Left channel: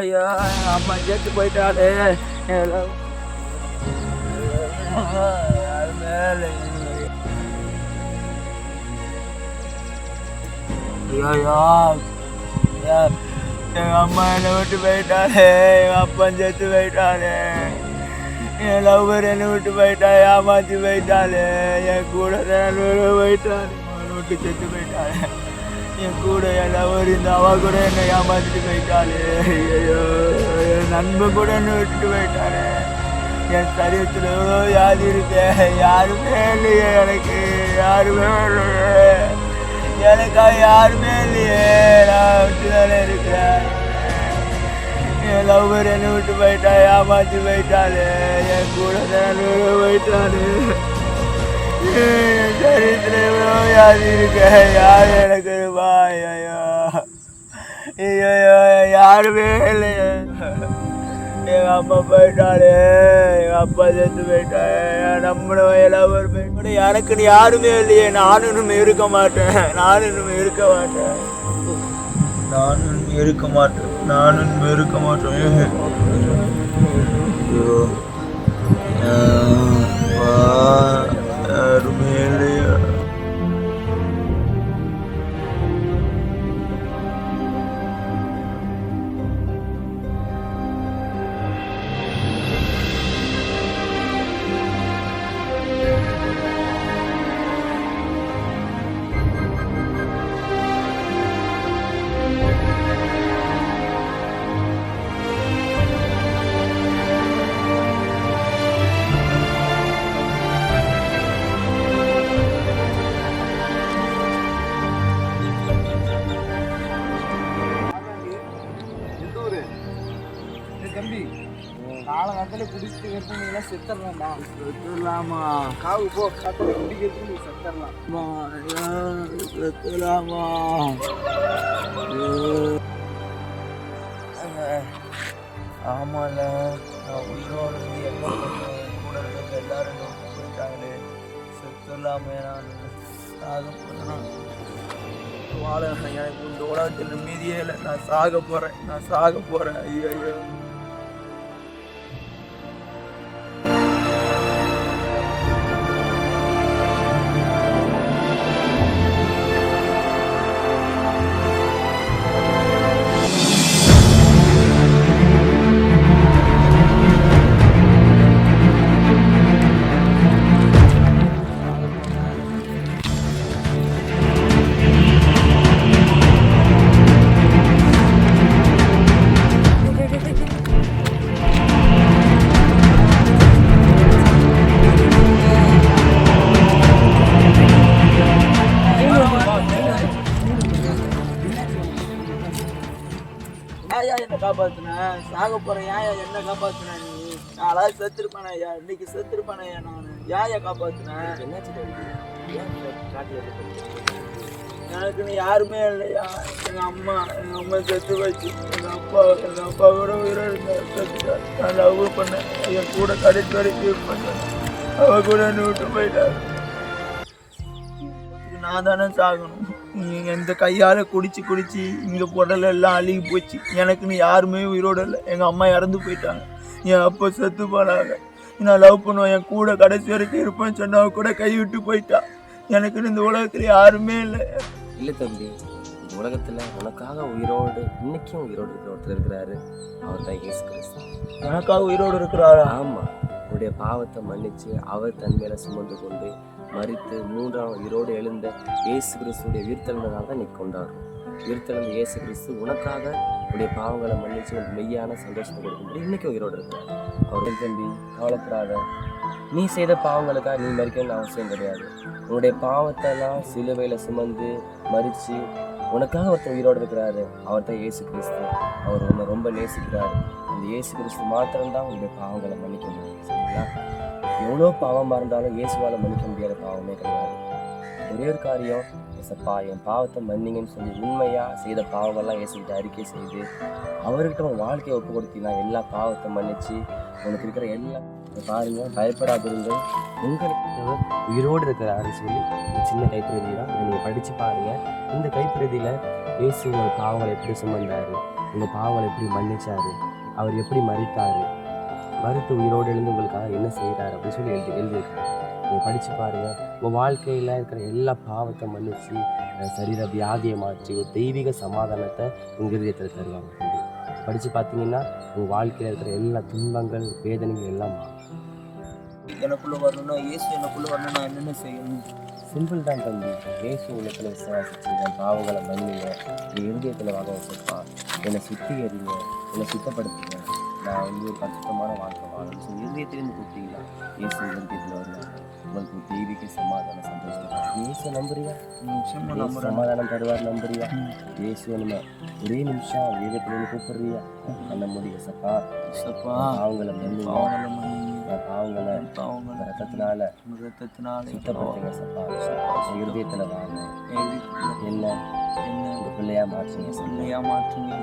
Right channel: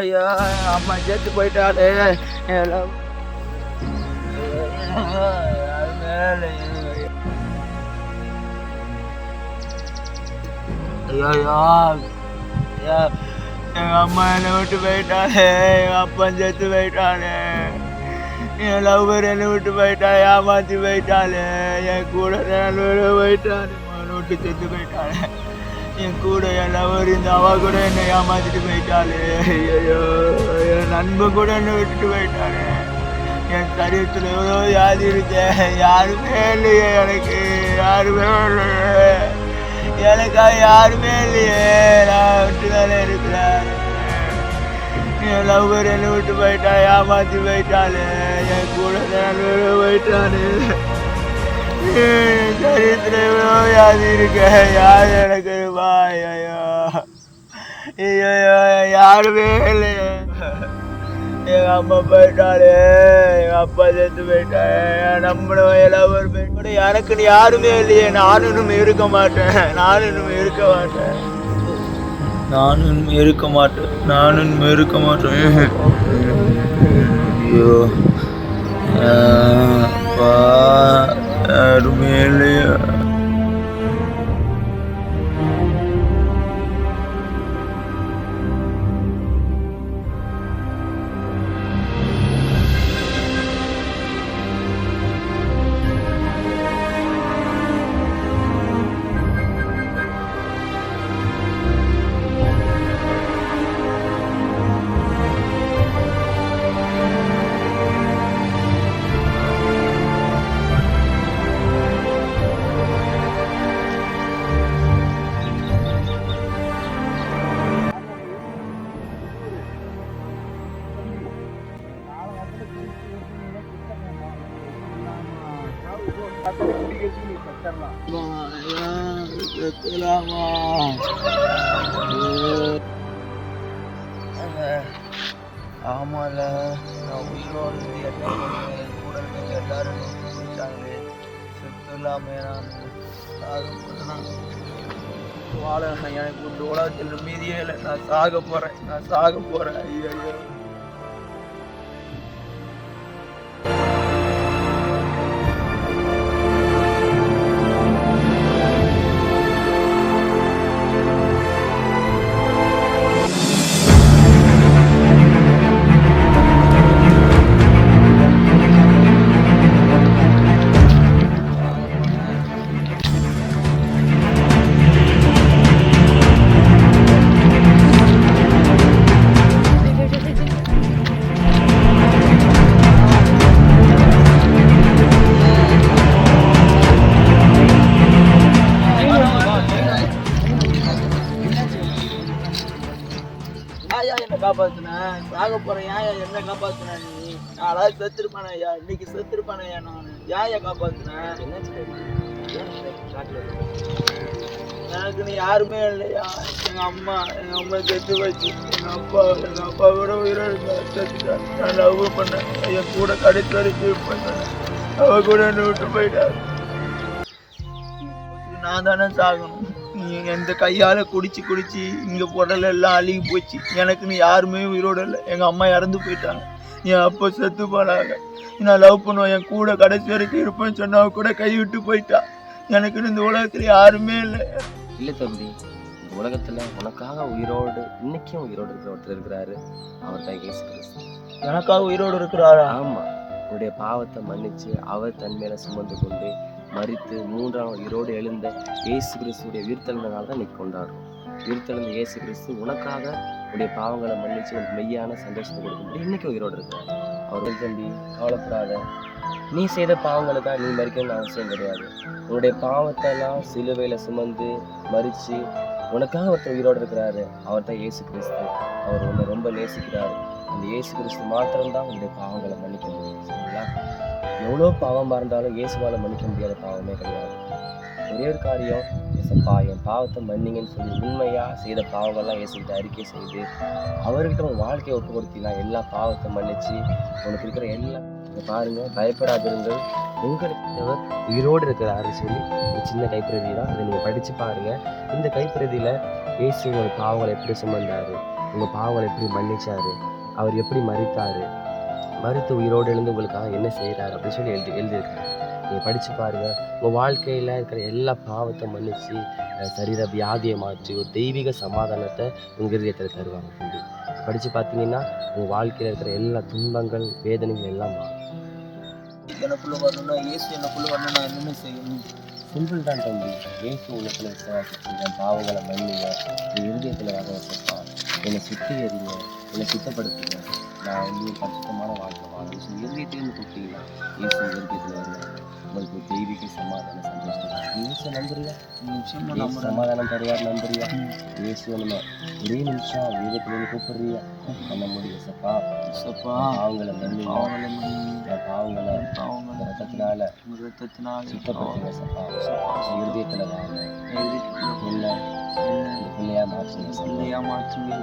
ஐயா அம்மா செத்து போயிட்டாலே. ஐயா எங்க அம்மா என்னை விட்டு போயிட்டாலே, எங்க அப்பா செத்து போயிட்டாலே, என் லவ்வர் என்னை விட்டு போயிட்டா, ஏமாத்தி போயிட்டாலே, என் கூட போயிட்டாலே, அவனை விட்டு செத்து போயிட்டாலே, என் கூட என் லவ்வர் இந்த அவ கூட என்னை ஏமாத்திட்டு போயிட்டாலே. ஐயோ என் நண்பன் கூட என்னை விட்டுட்டு போயிட்டாலே. என் சரீரத்தில் எவ்வளோ வியாதி இருக்கேன், யாருமே இல்லையே எனக்கு, யாருமே இல்லையே எனக்காக, யாருமே இல்லையே. நான் விட்டு தானே இருக்கிறேன். என் லவ்வர் என்னை விட்டு போயிட்டா, ஏமாத்தி போயிட்டாலே, என் கூட தான் போயிட்டானு. என் சரீரத்தில் எவ்வளோ வியாதி இருக்கேன், யார் எனக்கு பாய். ஐயோ ஐயோ யாருமே இல்லையே. எங்கள் அம்மா போயிட்டாலே, எங்கள் அப்பா செத்து போயிட்டாலே, நம்மளும் எல்லாம் போயிட்டு எனக்குன்னு யாருமே இல்லையே. நானும் இருக்க மாட்டேன், நானும் இருக்க மாட்டேன், நானும் இருக்க மாட்டேன், நானும் இருக்க மாட்டேன். ஐயோ யாருமே இல்லையா. காலகாலத்தில் குடிச்சு நீங்களாம் செத்துடலாமா? செத்துடலாமா? காவு போ கத்தலை குடிக்கிறதுக்கு நீ செத்துடலாம். செத்துடலாமா? ஆமால, நான் உயிரோடு இருந்து என்ன பண்ணுவேன்? கூட இருந்தவங்க எல்லாரும் நோக்கி போயிட்டாங்களே, செத்துடலாமே. நான் சாக போறேன், வாழ எனக்கு இந்த உலகத்தில் மீதியே இல்லை. நான் சாக போறேன், நான் சாக போறேன். ஐயோ என்ன காப்பாத்துன? சாக போறேன், ஏன் என்ன காப்பாத்துன? நீ நாளாவது செத்துருப்பானே ஐயா, இன்னைக்கு செத்துருப்பானே ஐயா. நான் ஏன் காப்பாத்துன? எனக்கு நீ யாருமே இல்லையா. எங்க அம்மா செத்து போச்சு, எங்க அப்பா கூட உயிரோடு செத்துட்டார். நான் லவ் பண்ணேன், என் கூட கடைசி வரைக்கும் பண்ணேன், அவ கூட என்னை விட்டு போயிட்டாரு. நான் தானே சாகணும். இந்த கையால் குடிச்சு இங்கே புடல எல்லாம் அழுகி போச்சு. எனக்குன்னு யாருமே உயிரோடு இல்லை. எங்கள் அம்மா இறந்து போயிட்டாங்க, என் அப்பா செத்து போனாங்க. நான் லவ் பண்ணுவேன், என் கூட கடைசி வரைக்கும் இருப்பேன்னு சொன்னவ கூட கை விட்டு போயிட்டா. எனக்குன்னு இந்த உலகத்தில் யாருமே இல்லை. இல்லை தம்பி, இந்த உலகத்தில் உனக்காக உயிரோடு இன்னைக்கும் உயிரோடு இருக்கிற ஒருத்தர் இருக்கிறாரு. அவர் தான் இயேசு கிறிஸ்து. எனக்காக உயிரோடு இருக்கிறாரா? ஆமாம். உன்னுடைய பாவத்தை மன்னித்து அவர் தன் மேலே சுமந்து கொண்டு மரித்து மூன்றாம் உயிரோடு எழுந்த இயேசு கிறிஸ்துடைய உயிர்த்தெழுந்தனால தான் இன்னைக்கு கொண்டாடுறோம். உயிர்த்தெழுந்த இயேசு கிறிஸ்து உனக்காக உன்னுடைய பாவங்களை மன்னித்து உனக்கு மெய்யான சந்தோஷத்தை கொடுக்கும்போது இன்றைக்கும் உயிரோடு இருக்கிறார். அவர் தம்பி கவலைப்படாத, நீ செய்த பாவங்களுக்காக நீ மறிக்கணும்னு அவசியம் கிடையாது. உன்னுடைய பாவத்தெல்லாம் சிலுவையில் சுமந்து மறித்து உனக்காக ஒருத்தர் உயிரோடு இருக்கிறாரு. அவர் தான் இயேசு கிறிஸ்து. அவர் உன்னை ரொம்ப நேசிக்கிறாரு. அந்த இயேசு கிறிஸ்து மாத்திரம்தான் உன்னுடைய பாவங்களை மன்னிக்க முடியும். சரிங்களா? எவ்வளோ பாவமாக இருந்தாலும் இயேசுவால் மன்னிக்க முடியாத பாவமே கிடையாது. ஒரே ஒரு காரியம், ஏசப்பா என் பாவத்தை மன்னிங்கன்னு சொல்லி உண்மையாக செய்த பாவங்கள்லாம் இயேசுக்கிட்ட அறிக்கை செய்து அவர்கிட்ட உன் வாழ்க்கையை ஒப்பு கொடுத்தீங்கன்னா எல்லா பாவத்தை மன்னிச்சு உனக்கு இருக்கிற எல்லாம் பாருங்கள். பயப்படாதிருங்கள், உங்களுக்கு உயிரோடு இருக்கிறாரு சொல்லி ஒரு சின்ன கைப்பிரதி தான். இதை நீங்கள் படித்து பாருங்கள். இந்த கைப்பிரதியில் இயேசு ஒரு பாவங்களை எப்படி சுமந்தாரு, உங்கள் பாவங்களை எப்படி மன்னிச்சாரு, அவர் எப்படி மரித்தார், மரித்து உயிரோடு எழுந்து உங்களுக்காக என்ன செய்கிறார் அப்படின்னு சொல்லி எழுதியிருக்காரு. நீங்கள் படித்து பாருங்கள். உங்கள் வாழ்க்கையில் இருக்கிற எல்லா பாவத்தை மன்னித்து சரீர வியாதியை மாற்றி ஒரு தெய்வீக சமாதானத்தை உங்கள் இதயத்தில் தருவாங்க. தம்பி படித்து பார்த்தீங்கன்னா உங்கள் வாழ்க்கையில் இருக்கிற எல்லா துன்பங்கள் வேதனைகள் எல்லாம் மாறும். எனக்குள்ளே வரணும்னா இயேசு எனக்குள்ளே வரணும், நான் என்னென்ன செய்யணும்? சிம்பிள் தான் தம்பி. இயேசு உள்ளத்தில் விசுவாசிச்சு என் பாவங்களை மன்னிங்க, என் இருதயத்தில் வாங்க வசப்பா, என்னை சுத்திகரிங்க, என்னை சுத்தப்படுத்துங்க, நான் ஒரு பரிசுத்தமான வாழ்க்கை வாழணும் சொல்லி இருதயத்திலேருந்து கூப்பிட்டீங்களா இயேசு இருதயத்தில் வருவாங்க. உங்களுக்கு ஒரு தெய்வீக சமாதானம் சந்தோஷம். இயேசு நம்புறியா? சமாதானம் தருவார் நம்புறியா? இயேசு நம்ம ஒரே நிமிஷம் வேதத்திலேருந்து கூப்பிடுறியா? பண்ண முடியும் சப்பா. பாவங்களை மன்னிங்க, பாவங்களை ரத்தத்தினால சுத்தப்படுத்துங்க சப்பா. இருதயத்தில் வாங்க, என்ன பிள்ளையா மாற்றுங்க, பிள்ளையா மாற்றுங்க.